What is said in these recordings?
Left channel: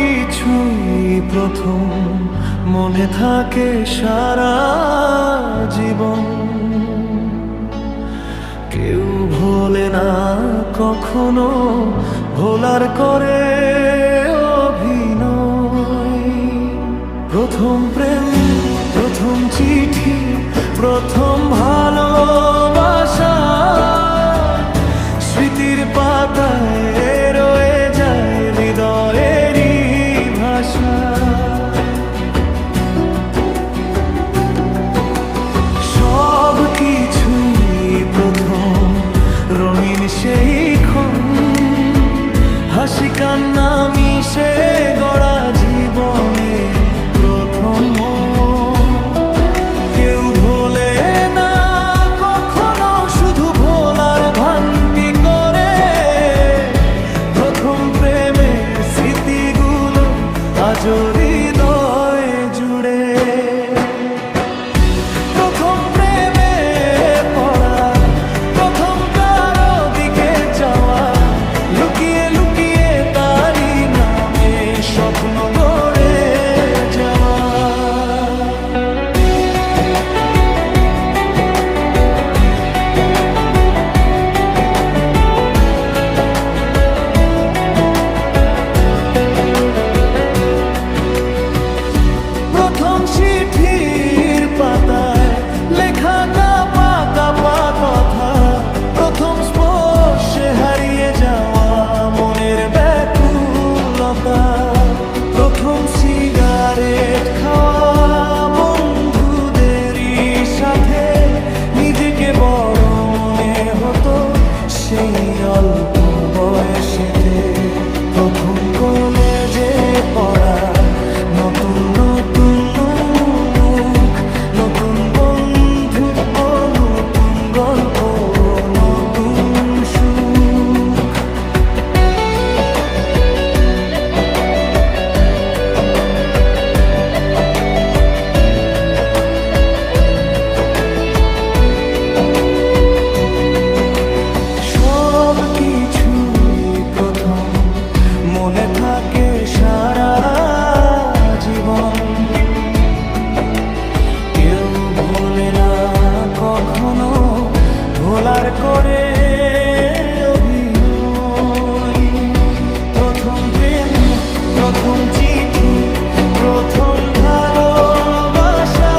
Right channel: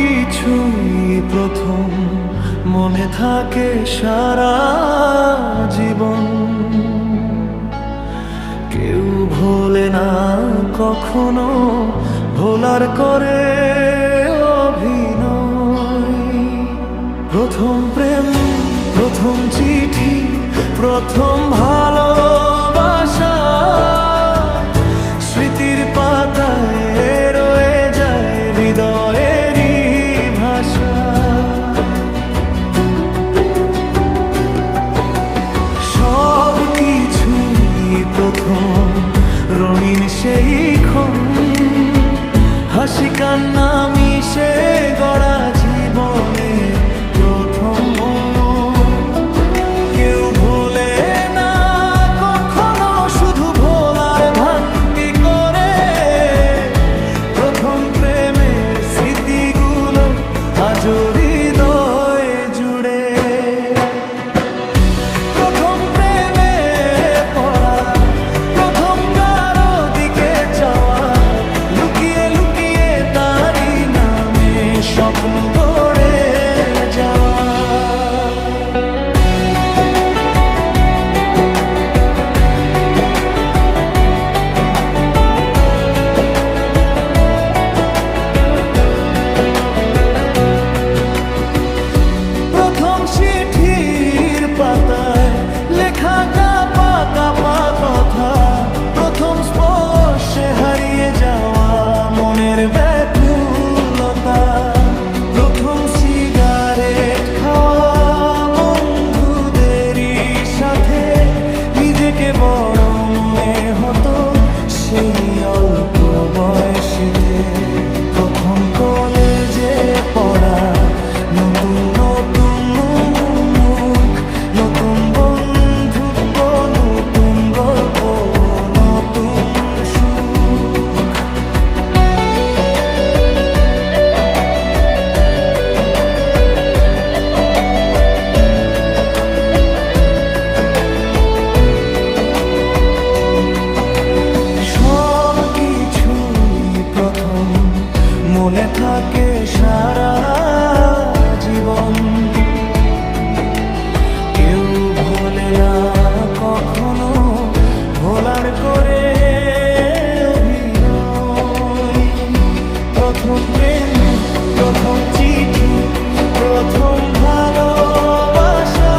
কিছুই প্রথম মনে থাকে সারা জীবন। কেউ ভোলে না কখনো, ভোলার করে অভিনয়। প্রথম প্রেম, প্রথম চিঠি, প্রথম ভালোবাসা স্মৃতির পাতায় রয়ে যায় হৃদয়েরই ভাষা। সব কিছুই প্রথম রঙিন সেই ক্ষণ, হাসি কান্না মিশে গড়া জীবনে প্রথম। কেউ ভোলে না কখনো, শুধু ভোলার ভান্তি করে প্রথম প্রেমের স্মৃতিগুলো আজও হৃদয় জুড়ে। প্রথম প্রেমে পড়া, প্রথম কারো দিকে চাওয়া, লুকিয়ে লুকিয়ে তারই নামে স্বপ্ন গড়ে যাওয়া। প্রথম চিঠির পাতায় লেখা কাপা কাপা কথা, প্রথম স্পর্শে হারিয়ে যাওয়া মনের ব্যাকুলতা, প্রথম সিগারেট খাওয়া বন্ধুদেরই সাথে নিজেকে বড় মনে হতো সেই অল্প বয়সেতে। প্রথম কলেজে পড়া, নতুন নতুন মুখ, নতুন বন্ধুত্ব, নতুন গল্প, নতুন সুখ। সব কিছুই প্রথম মনে থাকে সারা জীবন। কেউ ভোলে না কখনো, ভোলার করে অভিনয়। প্রথম প্রেম, প্রথম চিঠি, প্রথম ভালোবাসা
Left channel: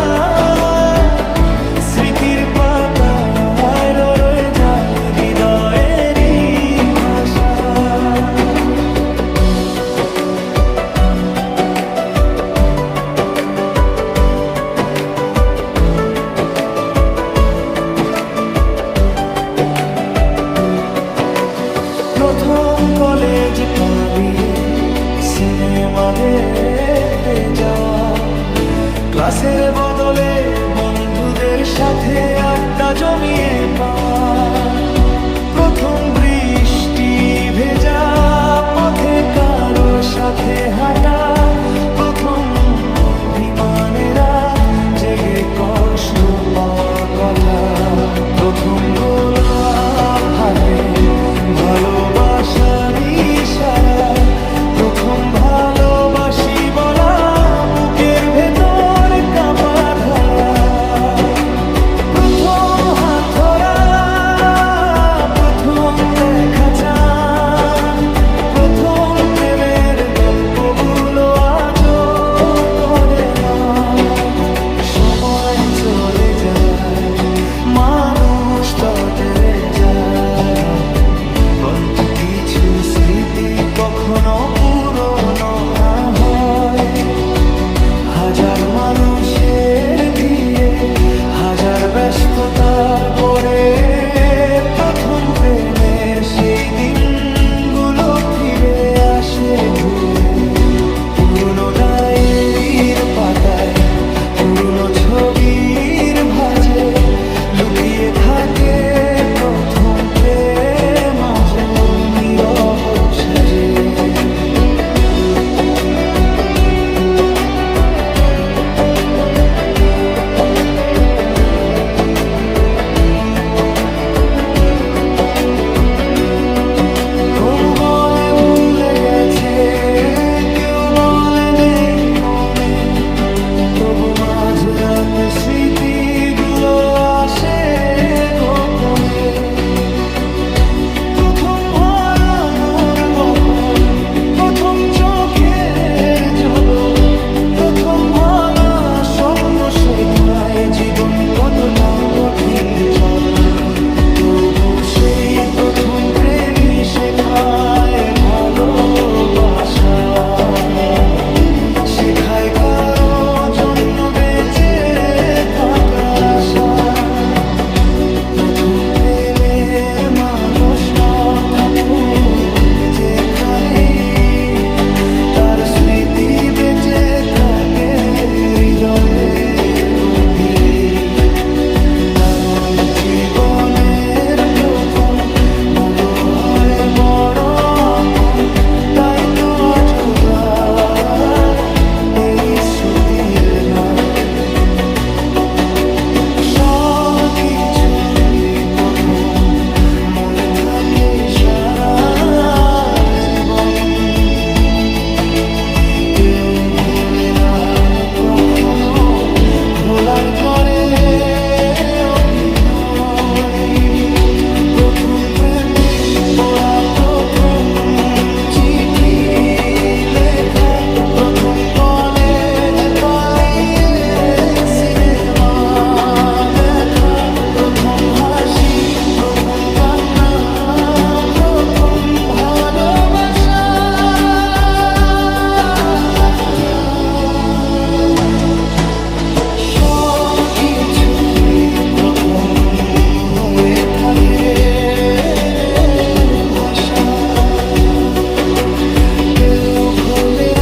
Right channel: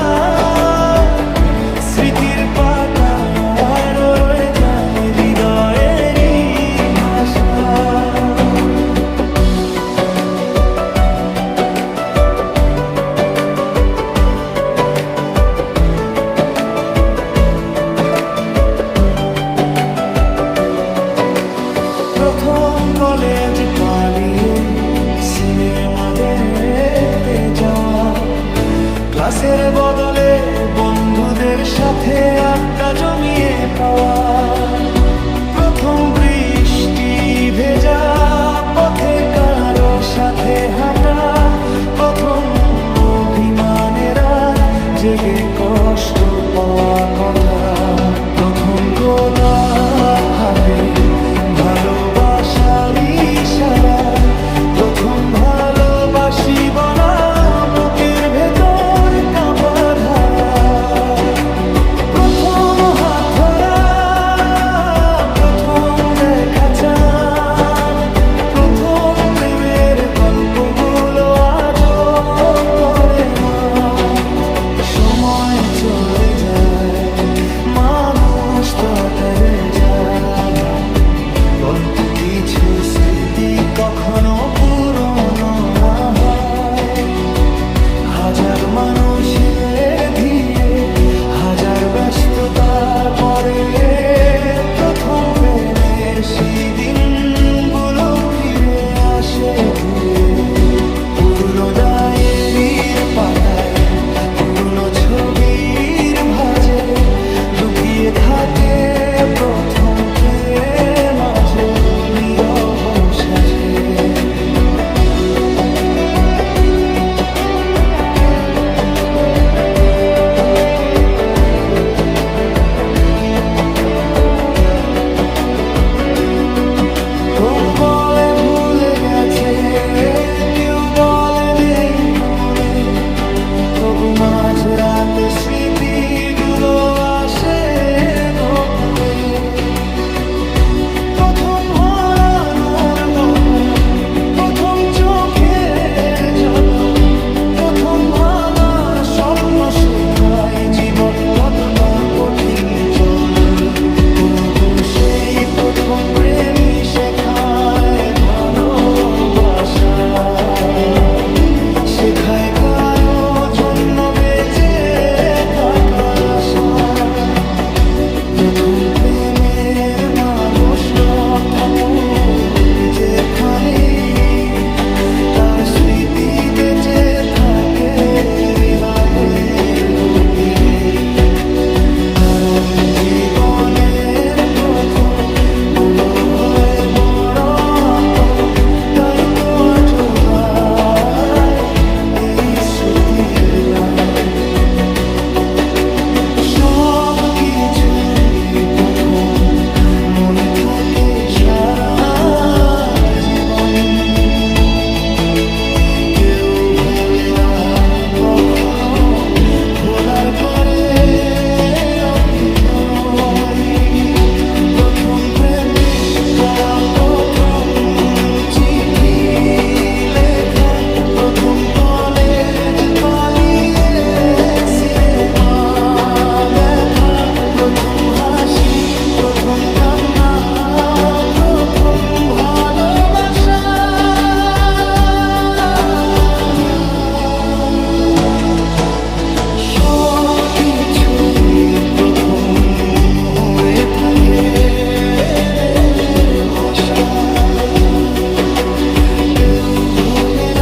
স্মৃতির পাতায় রয়ে যায় হৃদয়েরই ভাষা। প্রথম কলেজ পালিয়ে সিনেমা দেখতে যাওয়া, ক্লাসের বদলে বন্ধুদের সাথে আড্ডা জমিয়ে পাওয়া, প্রথম বৃষ্টি ভেজা পথে কারো সাথে হাঁটা, প্রথম অভিমানেরা জেগে কষ্ট পাওয়া কথা, প্রথম গোলাপ হাতে ভালোবাসার ইশারা, প্রথম ভালোবাসি বলা বুকের ভেতর কাঁপা ধারা, প্রথম হাত ধরা, প্রথম দেখা চান, প্রথম প্রেমের গল্পগুলো আজও করে মা। সময় চলে যায়, মানুষ ততরে যায়, কিন্তু কিছু স্মৃতি কখনো পুরনো না হয়। হাজার মানুষের ভিড়ে, হাজার ব্যস্ততার পরে প্রথম প্রেমের সেই দিনগুলো ফিরে আসে ঘুরে। পুরনো ডায়েরির পাতায়, পুরনো ছবির ভাঁজে লুকিয়ে থাকে প্রথম প্রেম আজও নীরব সাজে। কেউ বলে ভুলে গেছে, কেউ মাঝরাতে স্মৃতিগুলো আসে গোপনে, প্রথম হারানোর কখন, প্রথম চোখের জলো, প্রথম ভাঙা স্বপ্ন শেখায় জীবন কতটা কঠিন চল। তবু সেই প্রথম প্রেমই শেখায় ভালোবাসা, শেখায় কারো জন্য বেঁচে থাকার আশা। প্রথম প্রেমের মানস থাকুক যেখানেই, তার স্মৃতি বেঁচে থাকে হৃদয়ের গভীরে। কারণ জীবনের প্রথম গুলো হয় বড় আপন, তাই তো আজও গায় এই স্মৃতির গান। সব কিছুই প্রথম মনে থাকে সারা জীবন, কেউ ভোলে না কখনো, ভোলার করে অভিনয়। প্রথম প্রেমে পড়া, প্রথম চিঠি লেখা, প্রথম কলেজ পালিয়ে সিনেমা দেখা, প্রথম হাসি, প্রথম কান্না, প্রথম ভালোবাসা। সব কিছুই প্রথম হয়ে থাকে ভাষা, কেউ ভোলে না